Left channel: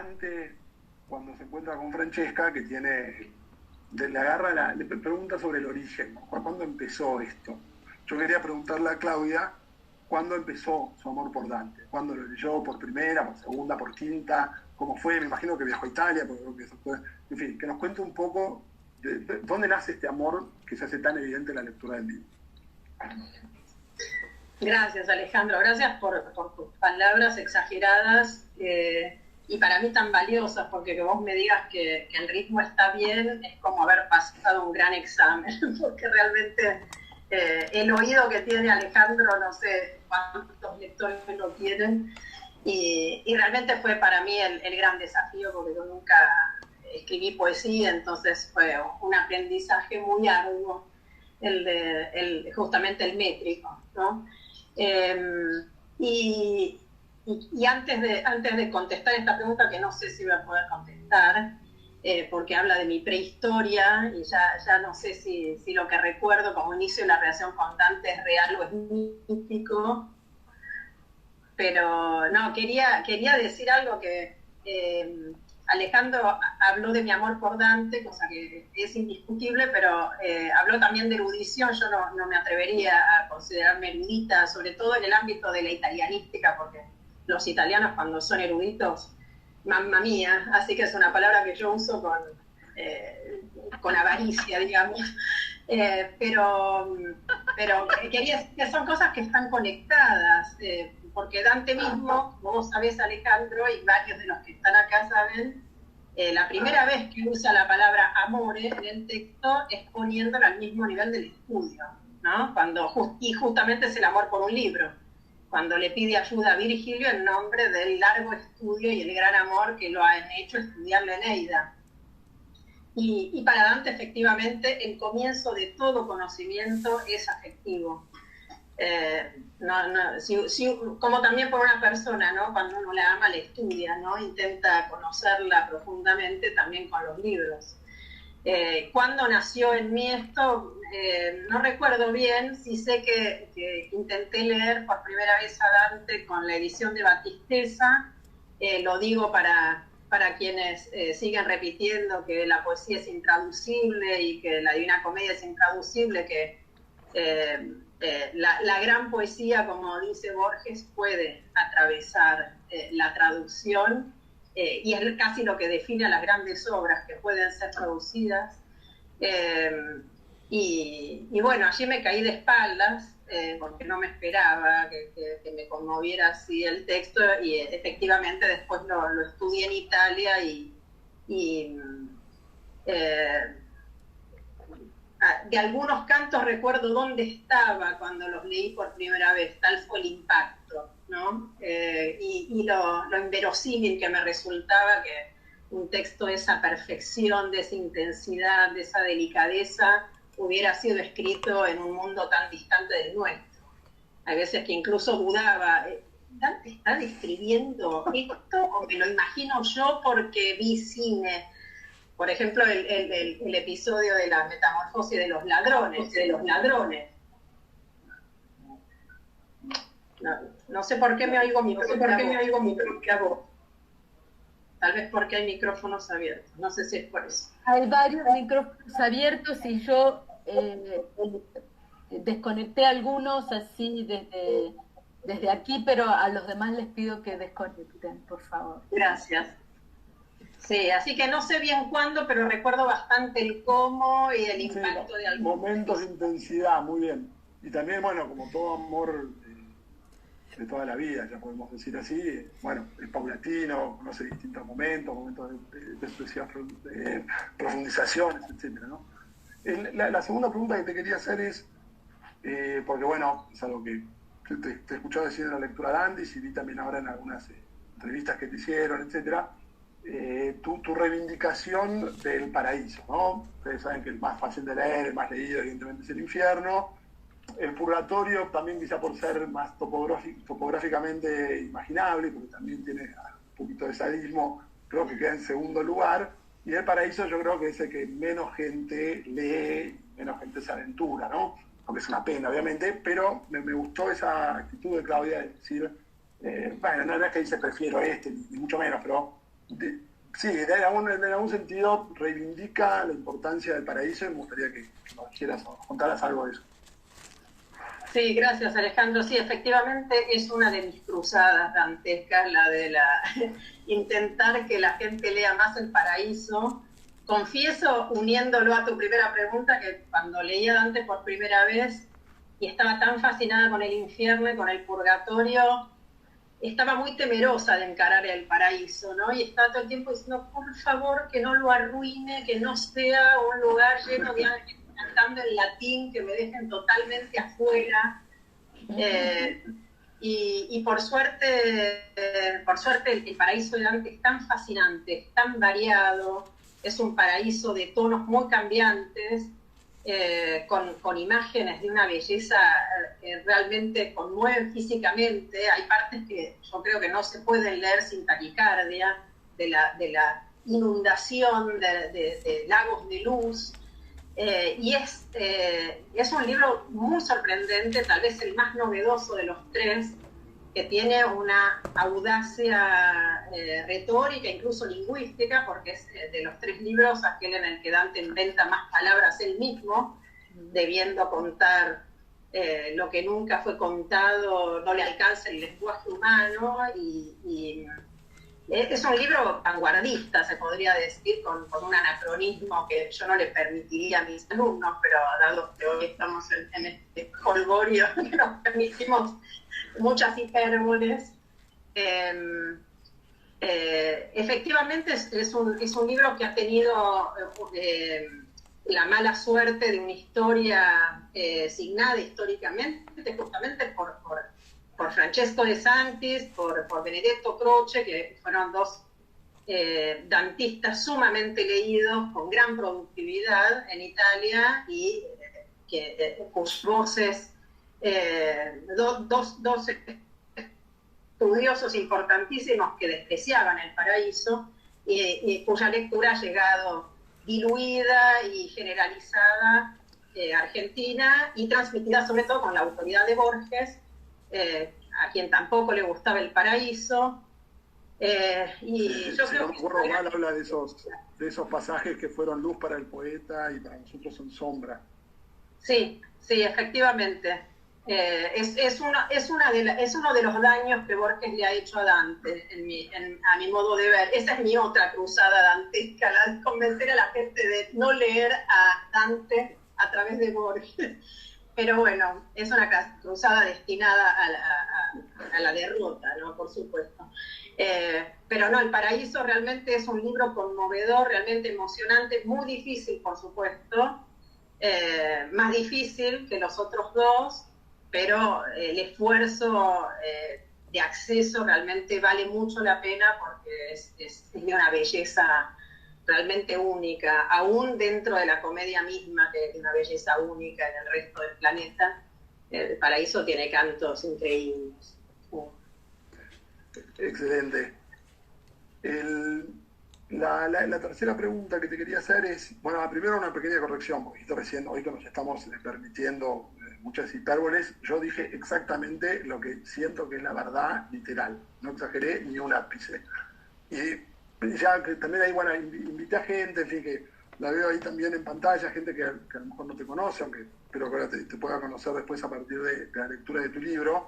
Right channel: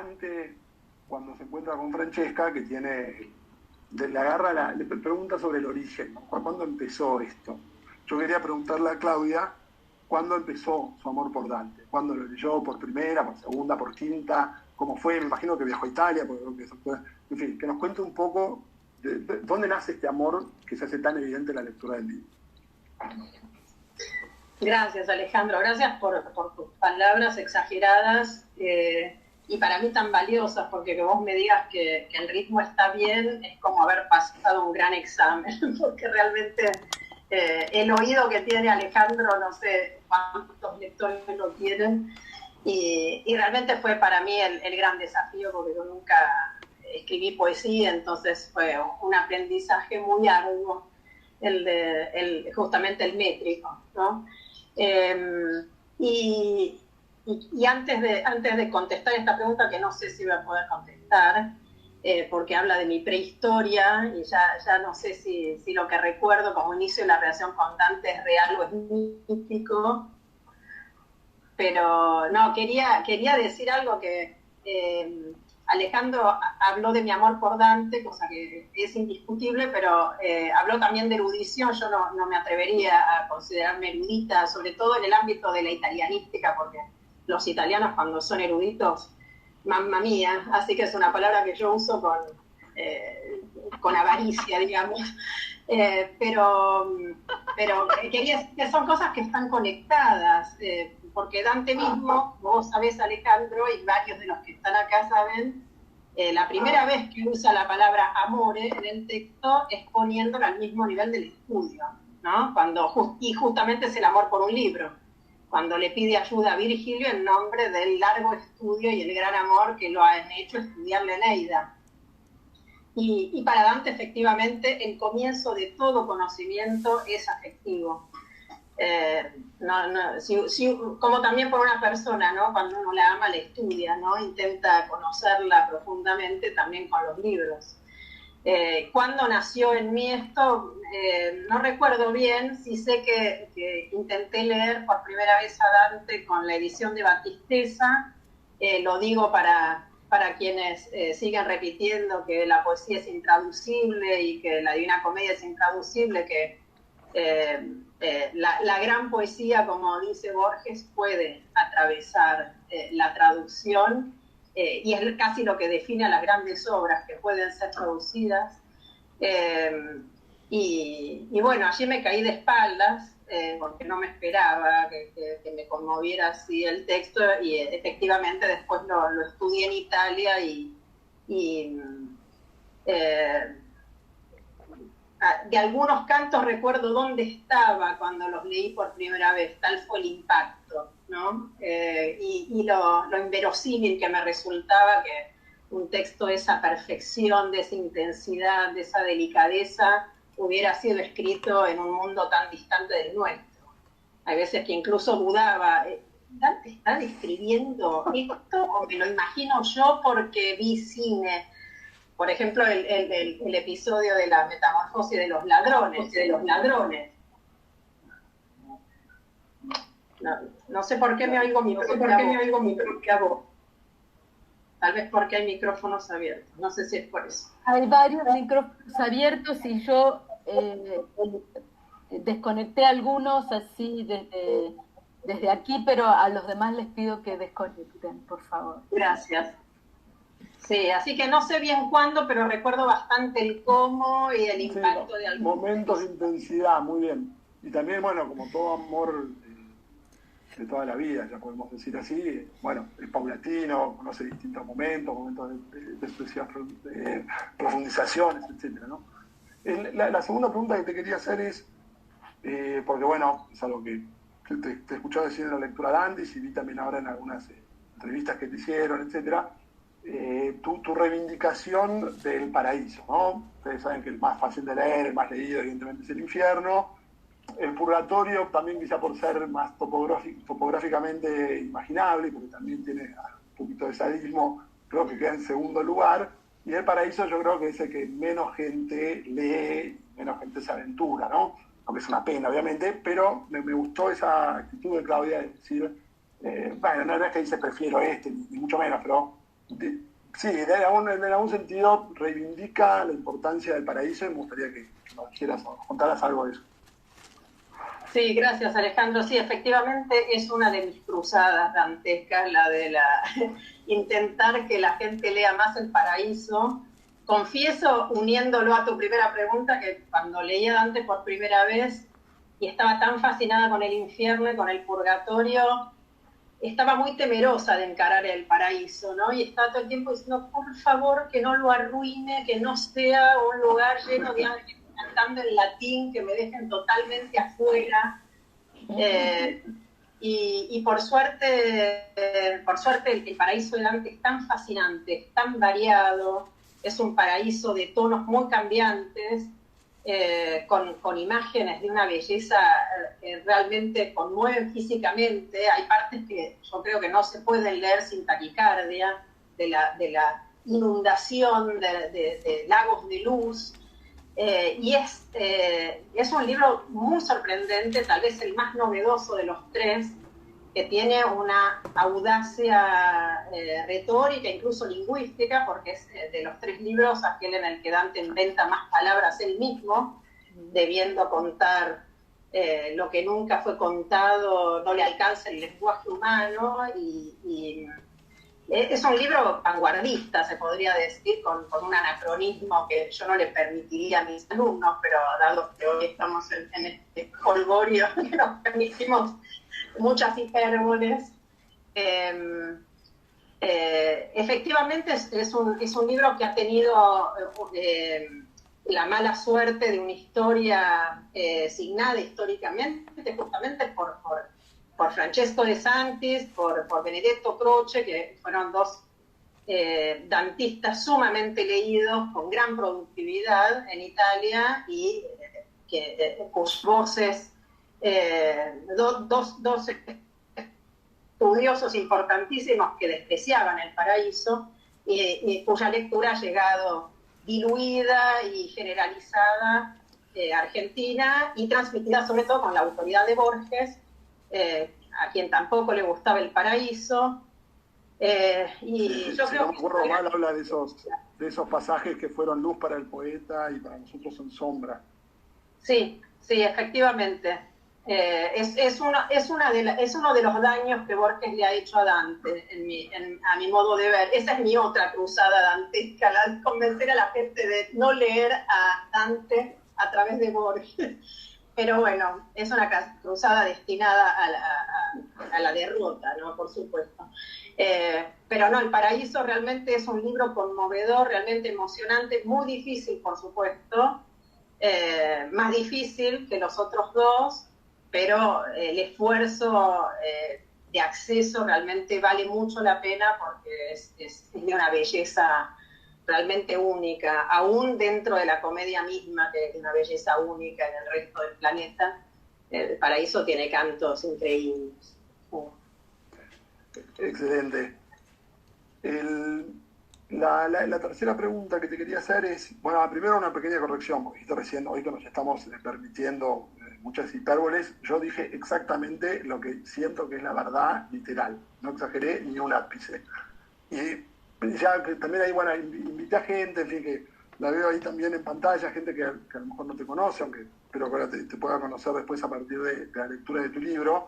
Dante, cuando se encuentra con Francesca, que le pregunta sobre el origen, ¿cuándo empezó esto? Yo quería preguntarle a Claudia, ¿cuándo empezó su amor por Dante? ¿Cuándo lo leyó por primera, por segunda, por quinta? ¿Cómo fue? Me imagino que viajó a Italia, porque creo que eso fue... En fin, que nos cuente un poco de dónde nace este amor que se hace tan evidente en la lectura del libro. Gracias, Alejandro. Gracias por tus palabras exageradas y para mí tan valiosas, porque que vos me digas que el ritmo está bien es como haber pasado un gran examen, porque realmente el oído que tiene Alejandro, no sé cuántos lectores lo tienen, y realmente fue para mí el gran desafío, porque yo nunca escribí poesía, entonces fue un aprendizaje muy arduo justamente el métrico, ¿no? Y antes de contestar esta pregunta, que no sé si voy a poder contestar, porque habla de mi prehistoria, y ya no sé si lo que recuerdo como inicio de la relación con Dante es real o es mítico, pero no, quería decir algo que Alejandro habló de mi amor por Dante, cosa que es indiscutible, pero habló también de erudición. Yo no me atrevería a considerarme erudita, sobre todo en el ámbito de la italianística, porque los italianos cuando son eruditos, mamma mía, así que es una palabra que yo uso con avaricia, digamos. Pero quería decir que son cosas que están conectadas, porque Dante mismo, vos sabés, Alejandro, y varios de los que están acá saben, la primera vez que usa la palabra amore en el texto es poniéndola al mismo nivel del estudio, ¿no? Y justamente es el amor por un libro, cuando le pide ayuda a Virgilio en nombre del largo estudio y el gran amor que lo han hecho estudiar la Eneida. Y para Dante, efectivamente, el comienzo de todo conocimiento es afectivo. Como también por una persona, ¿no? Cuando uno la ama, la estudia, ¿no? Intenta conocerla profundamente también con los libros. ¿Cuándo nació en mí esto? No recuerdo bien, sí sé que intenté leer por primera vez a Dante con la edición de Battistessa. Lo digo para quienes siguen repitiendo que la poesía es intraducible y que la Divina Comedia es intraducible, que la gran poesía, como dice Borges, puede atravesar la traducción, y es casi lo que define a las grandes obras que pueden ser traducidas. Y bueno, allí me caí de espaldas, porque no me esperaba que me conmoviera así el texto, y efectivamente después lo estudié en Italia de algunos cantos recuerdo dónde estaba cuando los leí por primera vez, tal fue el impacto, ¿no? Y lo inverosímil que me resultaba que un texto de esa perfección, de esa intensidad, de esa delicadeza, hubiera sido escrito en un mundo tan distante del nuestro. Hay veces que incluso dudaba, ¿Dante está describiendo esto o me lo imagino yo porque vi cine? Por ejemplo, el episodio de la metamorfosis de los ladrones. No sé por qué me oigo mi propia voz. Tal vez porque hay micrófonos abiertos. No sé si es por eso. Hay varios micrófonos abiertos y yo desconecté algunos así desde aquí, pero a los demás les pido que desconecten, por favor. Gracias. Sí, así que no sé bien cuándo, pero recuerdo bastante el cómo y el impacto de algunos momentos de intensidad, muy bien. Y también, bueno, como todo amor de toda la vida, ya podemos decir así, bueno, es paulatino, conoce distintos momentos de profundizaciones, etcétera, ¿no? La segunda pregunta que te quería hacer es, porque bueno, es algo que te escuché decir en la lectura de Andis y vi también ahora en algunas entrevistas que te hicieron, etcétera, tu reivindicación del paraíso, ¿no? Ustedes saben que el más fácil de leer, el más leído, evidentemente, es el infierno. El purgatorio, también quizá por ser más topográficamente imaginable, porque también tiene un poquito de sadismo, creo que queda en segundo lugar. Y el paraíso yo creo que es el que menos gente lee, menos gente se aventura, ¿no? Aunque es una pena, obviamente, pero me gustó esa actitud de Claudia de decir, bueno, no es que dice prefiero este, ni mucho menos, pero Sí, en algún sentido reivindica la importancia del paraíso y me gustaría que nos quieras contaras algo de eso. Sí, gracias Alejandro. Sí, efectivamente es una de mis cruzadas dantescas, la de intentar que la gente lea más El Paraíso. Confieso, uniéndolo a tu primera pregunta, que cuando leía Dante por primera vez y estaba tan fascinada con el infierno y con el purgatorio, estaba muy temerosa de encarar el paraíso, ¿no? Y estaba todo el tiempo diciendo, por favor, que no lo arruine, que no sea un lugar lleno de ángeles cantando en latín, que me dejen totalmente afuera. Y por suerte el paraíso de Dante es tan fascinante, es tan variado, es un paraíso de tonos muy cambiantes, con imágenes de una belleza realmente conmueven físicamente. Hay partes que yo creo que no se pueden leer sin taquicardia, de la inundación de lagos de luz. Y es un libro muy sorprendente, tal vez el más novedoso de los tres, que tiene una audacia retórica, incluso lingüística, porque es de los tres libros aquel en el que Dante inventa más palabras él mismo, debiendo contar lo que nunca fue contado, no le alcanza el lenguaje humano, y es un libro vanguardista, se podría decir, con un anacronismo que yo no le permitiría a mis alumnos, pero dado que hoy estamos en este holgorio que nos permitimos muchas hipérboles. Efectivamente es un libro que ha tenido la mala suerte de una historia signada históricamente, justamente por Francesco De Santis, por Benedetto Croce, que fueron dos dantistas sumamente leídos, con gran productividad en Italia, y cuyas voces, dos estudiosos importantísimos que despreciaban El Paraíso, y cuya lectura ha llegado diluida y generalizada a Argentina, y transmitida sobre todo con la autoridad de Borges, a quien tampoco le gustaba El Paraíso. Y yo si creo no me acuerdo mal, habla de esos pasajes que fueron luz para el poeta y para nosotros son sombra. Sí, sí, efectivamente. Es uno de los daños que Borges le ha hecho a Dante, a mi modo de ver. Esa es mi otra cruzada dantesca, la de convencer a la gente de no leer a Dante a través de Borges. Pero bueno, es una cruzada destinada a la derrota, ¿no? Por supuesto. Pero no, El Paraíso realmente es un libro conmovedor, realmente emocionante, muy difícil, por supuesto, más difícil que los otros dos, pero el esfuerzo de acceso realmente vale mucho la pena, porque es de una belleza realmente única, aún dentro de la comedia misma, que es una belleza única en el resto del planeta. El Paraíso tiene cantos increíbles. Excelente. La tercera pregunta que te quería hacer es, bueno, primero una pequeña corrección, porque esto recién, hoy que nos estamos permitiendo muchas hipérboles, yo dije exactamente lo que siento que es la verdad literal, no exageré ni un ápice. Y ya que también ahí, bueno, invité a gente, en fin, que la veo ahí también en pantalla, gente que a lo mejor no te conoce, aunque espero que ahora te pueda conocer después a partir de la lectura de tu libro.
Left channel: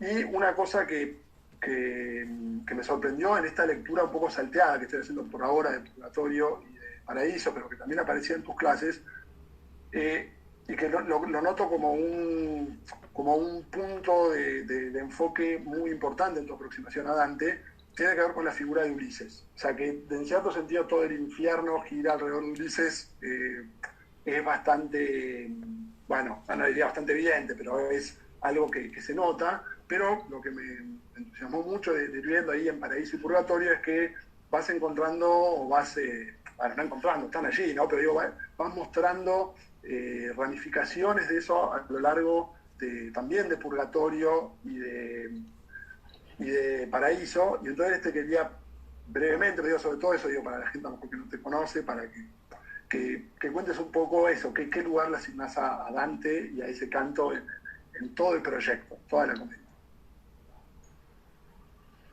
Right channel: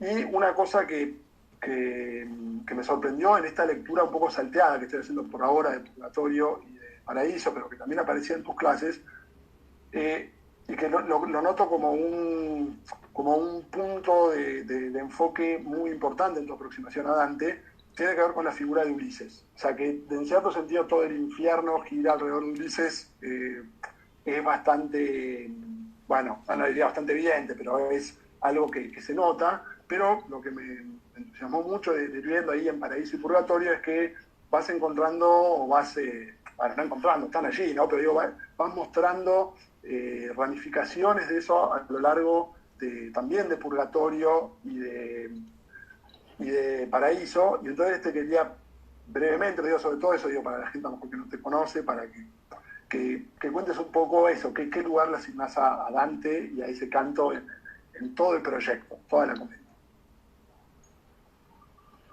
Y una cosa que me sorprendió en esta lectura un poco salteada que estoy haciendo por ahora de Purgatorio y de Paraíso, pero que también aparecía en tus clases, y que lo noto como un punto de enfoque muy importante en tu aproximación a Dante, tiene que ver con la figura de Ulises. O sea que en cierto sentido todo el infierno gira alrededor de Ulises, es bastante, bueno, no diría bastante evidente, pero es algo que se nota. Pero lo que me entusiasmó mucho de ir viendo ahí en Paraíso y Purgatorio es que vas encontrando, o vas, bueno, no encontrando, están allí, ¿no? Pero digo, vas mostrando ramificaciones de eso a lo largo también de Purgatorio y de Paraíso. Y entonces te quería brevemente, digo, sobre todo eso, digo, para la gente a lo mejor que no te conoce, para que cuentes un poco eso, qué lugar le asignás a Dante y a ese canto en todo el proyecto, toda la comedia.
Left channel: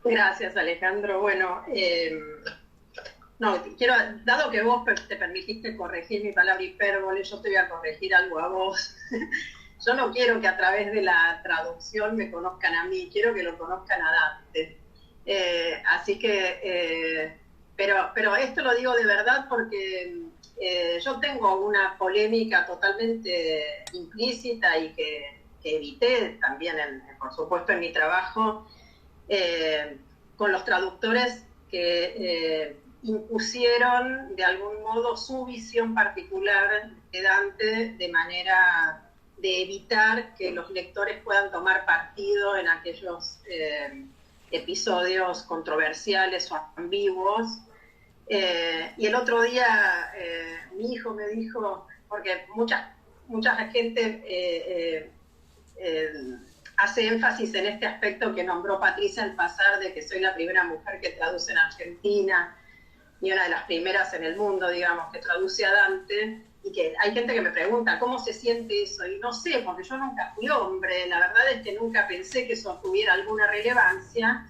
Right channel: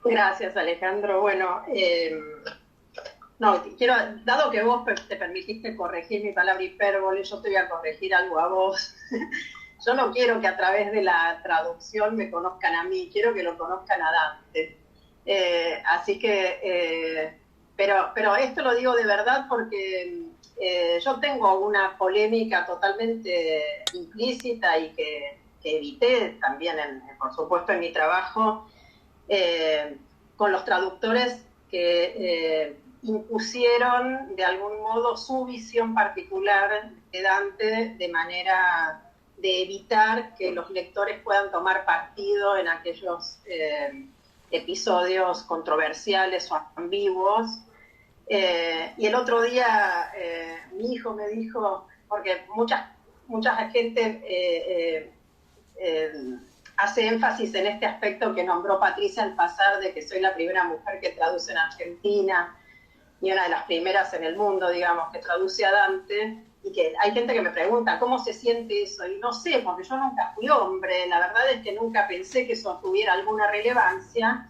Gracias, Alejandro. Bueno, No, quiero, dado que vos te permitiste corregir mi palabra hipérbole, yo te voy a corregir algo a vos. Yo no quiero que a través de la traducción me conozcan a mí, quiero que lo conozcan a Dante. Así que, pero esto lo digo de verdad porque yo tengo una polémica totalmente implícita y que evité también, por supuesto, en mi trabajo, con los traductores que impusieron de algún modo su visión particular de Dante de manera de evitar que los lectores puedan tomar partido en aquellos episodios controversiales o ambiguos. Y el otro día mi hijo me dijo, porque mucha gente hace énfasis en este aspecto que nombró Patricia al pasar, de que soy la primera mujer que traduce en Argentina y una de las primeras en el mundo, digamos, que traduce a Dante, y que hay gente que me pregunta cómo se siente eso, y no sé, porque yo nunca fui hombre, la verdad es que nunca pensé que eso tuviera alguna relevancia,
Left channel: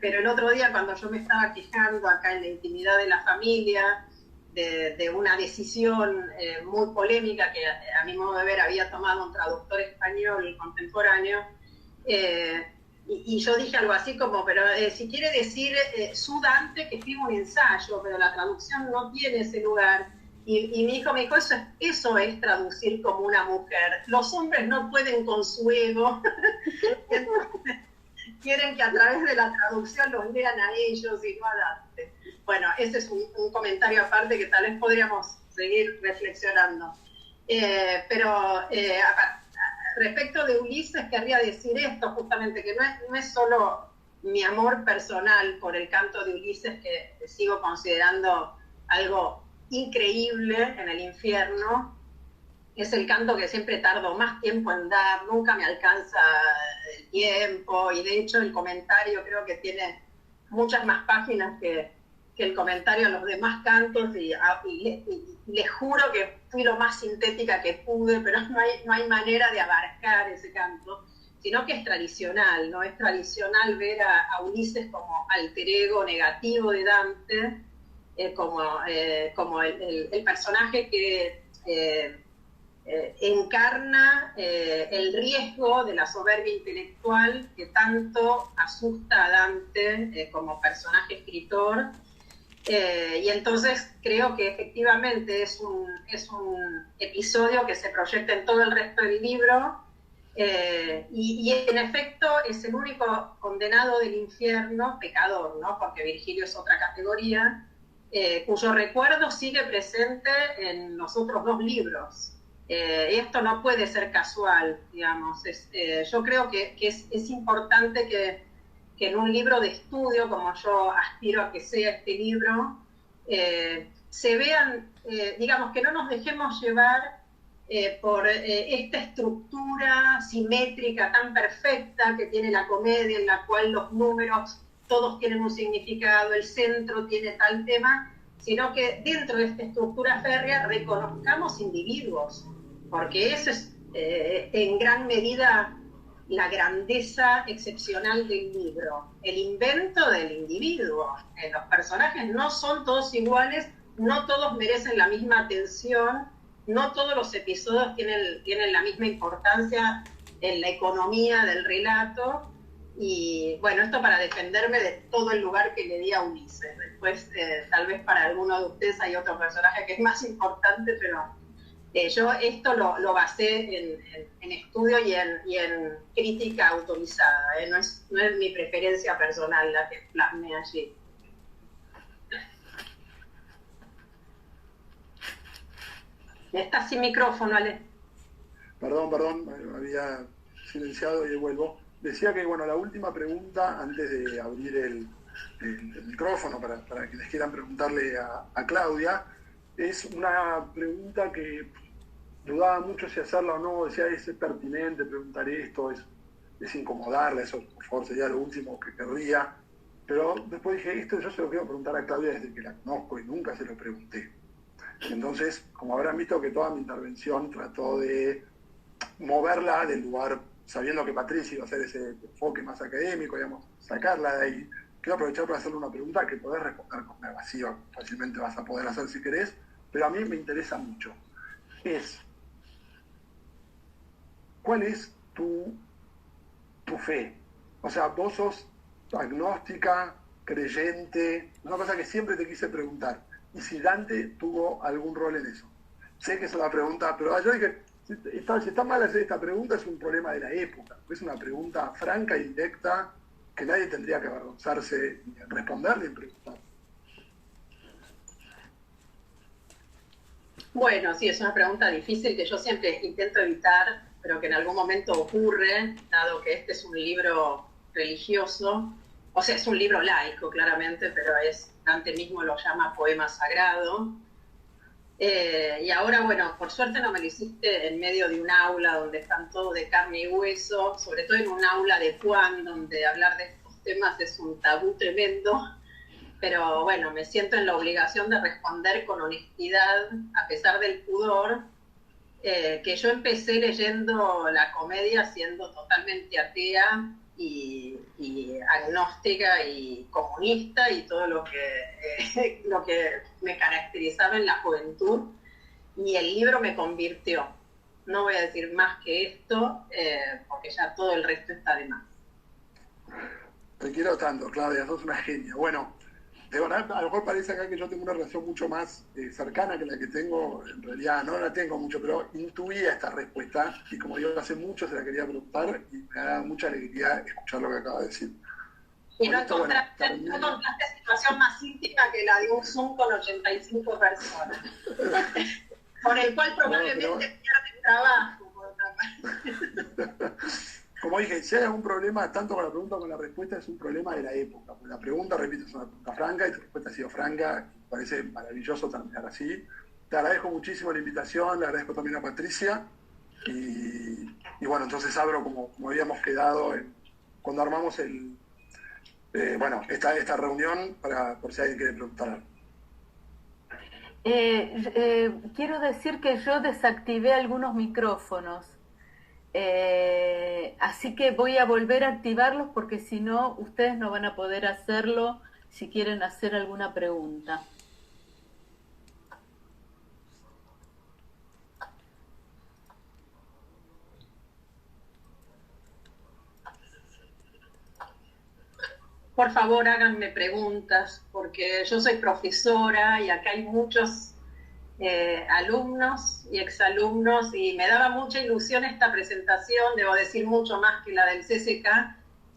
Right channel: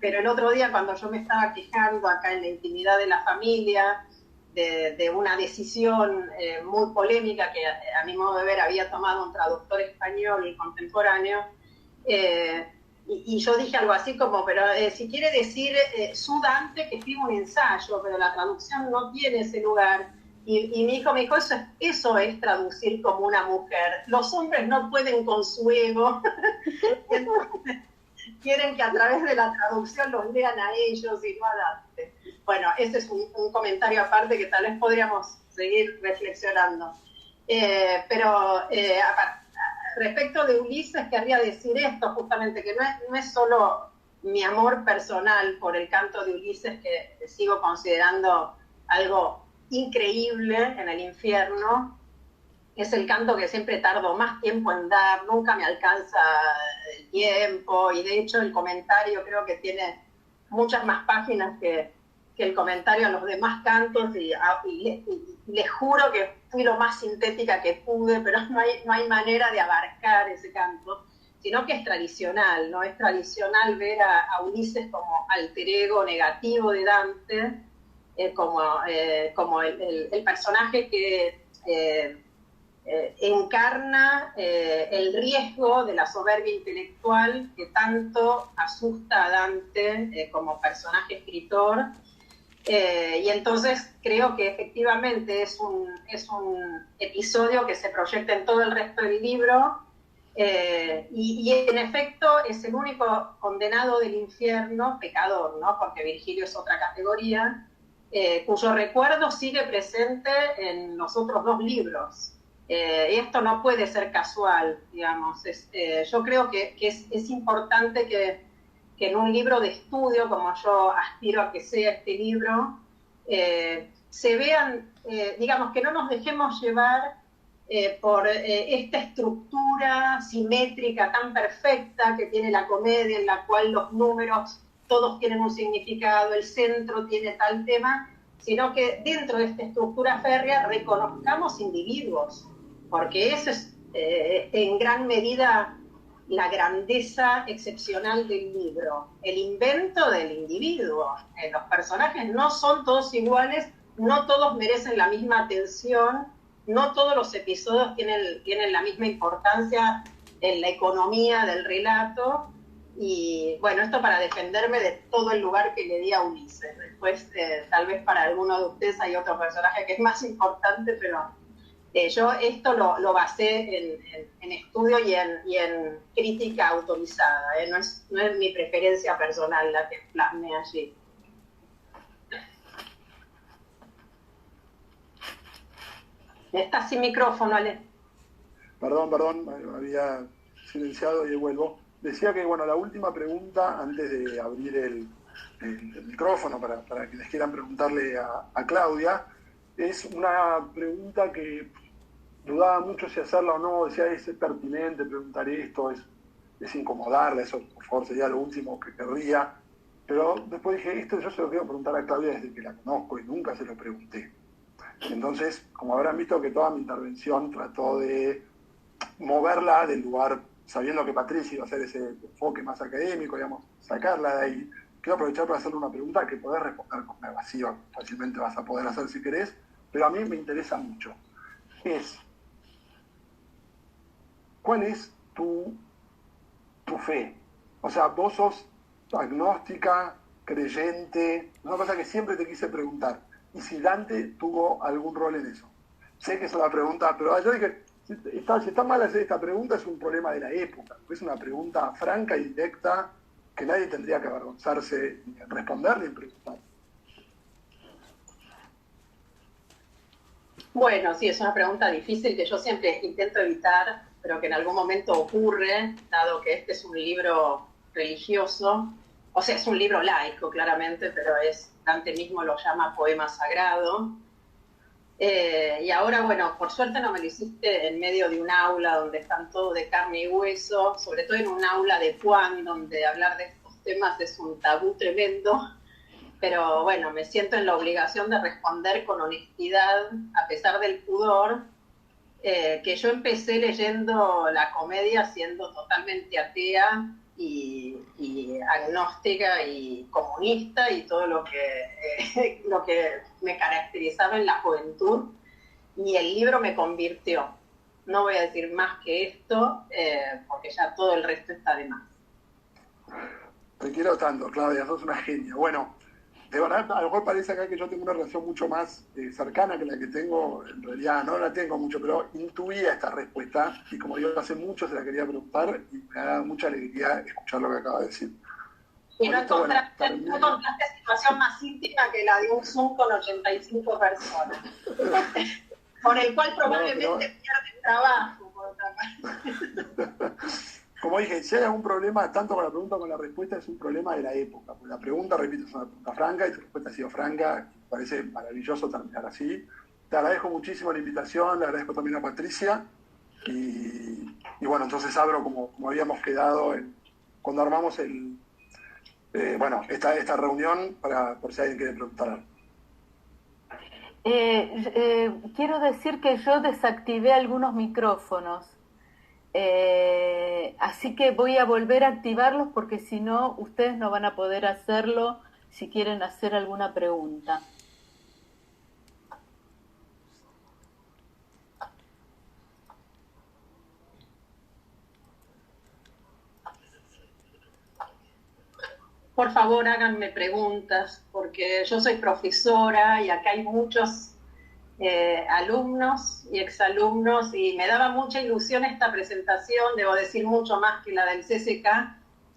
pero el otro día cuando yo me estaba quejando acá en la intimidad de la familia de una decisión muy polémica que a mi modo de ver había tomado un traductor español contemporáneo, y yo dije algo así como, pero si quiere decir su Dante, que escribe un ensayo, pero la traducción no tiene ese lugar. Y mi hijo me dijo, eso es traducir como una mujer. Los hombres no pueden con su ego. Entonces, quieren que a través de la traducción los lean a ellos y no a Dante. Bueno, ese es un comentario aparte que tal vez podríamos seguir reflexionando. Pero respecto de Ulises, querría decir esto justamente, que no es solo mi amor personal por el canto de Ulises, que sigo considerando algo increíble en el infierno, es el canto que siempre tardo más tiempo en dar, nunca me alcanza el tiempo, y de hecho el comentario creo que tiene muchas más páginas que el comentario a los demás cantos, y les juro que fui lo más sintética que pude, pero no hay manera de abarcar ese canto, sino que es tradicional, ¿no? Es tradicional ver a Ulises como alter ego negativo de Dante, como el personaje que encarna el riesgo de la soberbia intelectual que tanto asusta a Dante como personaje escritor. Y entonces creo que efectivamente es un episodio que se proyecta en todo el resto del libro, y en efecto es el único condenado del infierno, pecador, ¿no? Porque Virgilio es otra categoría, cuyo recuerdo sigue presente en los otros dos libros. Y esto no puede ser casual, digamos. Yo creo que es importante que en un libro de estudio, como yo aspiro a que sea este libro, se vean, digamos, que no nos dejemos llevar por esta estructura simétrica tan perfecta que tiene la comedia, en la cual los números todos tienen un significado, el centro tiene tal tema, sino que dentro de esta estructura férrea reconozcamos individuos, porque eso es en gran medida la grandeza excepcional del libro, el invento del individuo. Los personajes no son todos iguales, no todos merecen la misma atención, no todos los episodios tienen la misma importancia en la economía del relato. Y bueno, esto para defenderme de todo el lugar que le di a Ulises. Después, tal vez para alguno de ustedes hay otro personaje que es más importante, pero yo esto lo basé en estudio y en crítica autorizada, no es mi preferencia personal la que plasmé allí. Estás sin micrófono, Ale. Perdón, me había silenciado y vuelvo. Decía que, bueno, la última pregunta, antes de abrir el micrófono para quienes quieran preguntarle a Claudia, es una pregunta que dudaba mucho si hacerla o no, decía, es pertinente preguntar esto, es incomodarla, eso por favor sería lo último que querría, pero después dije, esto yo se lo quiero preguntar a Claudia desde que la conozco y nunca se lo pregunté. Entonces, como habrán visto que toda mi intervención trató de moverla del lugar, sabiendo que Patricia iba a hacer ese enfoque más académico, digamos, sacarla de ahí, quiero aprovechar para hacerle una pregunta que podés responder con evasiva, fácilmente vas a poder hacer si querés, pero a mí me interesa mucho. ¿Cuál es tu fe? O sea, vos sos agnóstica, creyente, una cosa que siempre te quise preguntar. ¿Y si Dante tuvo algún rol en eso? Sé que es una pregunta, pero yo dije, si está mal hacer esta pregunta es un problema de la época, es una pregunta franca y directa que nadie tendría que avergonzarse ni en responder ni en preguntar. Bueno, sí, es una pregunta difícil que yo siempre intento evitar, pero que en algún momento ocurre, dado que este es un libro religioso, o sea, es un libro laico, claramente, pero Dante mismo lo llama poema sagrado. Y ahora, bueno, por suerte no me lo hiciste en medio de un aula donde están todos de carne y hueso, sobre todo en un aula de Juan, donde hablar de estos temas es un tabú tremendo. Pero bueno, me siento en la obligación de responder con honestidad, a pesar del pudor, que yo empecé leyendo la comedia siendo totalmente atea y agnóstica y comunista y todo lo que me caracterizaba en la juventud, y el libro me convirtió. No voy a decir más que esto, porque ya todo el resto está de más. Te quiero tanto, Claudia, sos una genia. Bueno, de verdad, a lo mejor parece acá que yo tengo una relación mucho más cercana que la que tengo, en realidad no la tengo mucho, pero intuía esta respuesta y como yo hace mucho se la quería preguntar y me da mucha alegría escuchar lo que acaba de decir. Y no encontraste situación más íntima que la de un Zoom con 85 personas, con el cual probablemente pierde trabajo, por otra parte. Como dije, si hay algún problema, tanto con la pregunta como con la respuesta, es un problema de la época. Porque la pregunta, repito, es una pregunta franca y tu respuesta ha sido franca. Y me parece maravilloso terminar así. Te agradezco muchísimo la invitación, le agradezco también a Patricia. Y bueno, entonces abro como habíamos quedado cuando armamos esta reunión por si alguien quiere preguntar algo. Quiero decir que yo desactivé algunos micrófonos. Así que voy a volver a activarlos porque si no, ustedes no van a poder hacerlo si quieren hacer alguna pregunta. Por favor, háganme preguntas, porque yo soy profesora y acá hay muchos alumnos y exalumnos, y me daba mucha ilusión esta presentación, debo decir mucho más que la del CCK,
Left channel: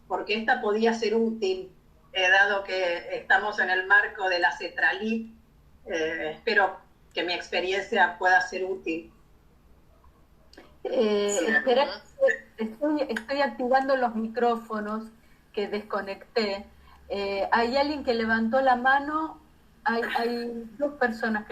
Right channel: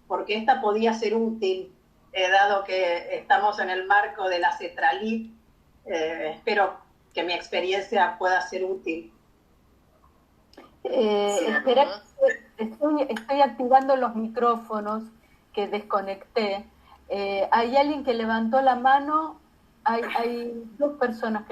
porque esta podía ser útil, dado que estamos en el marco de la CETRALIP. Espero que mi experiencia pueda ser útil. Espera, estoy activando los micrófonos que desconecté. Hay alguien que levantó la mano, hay dos personas que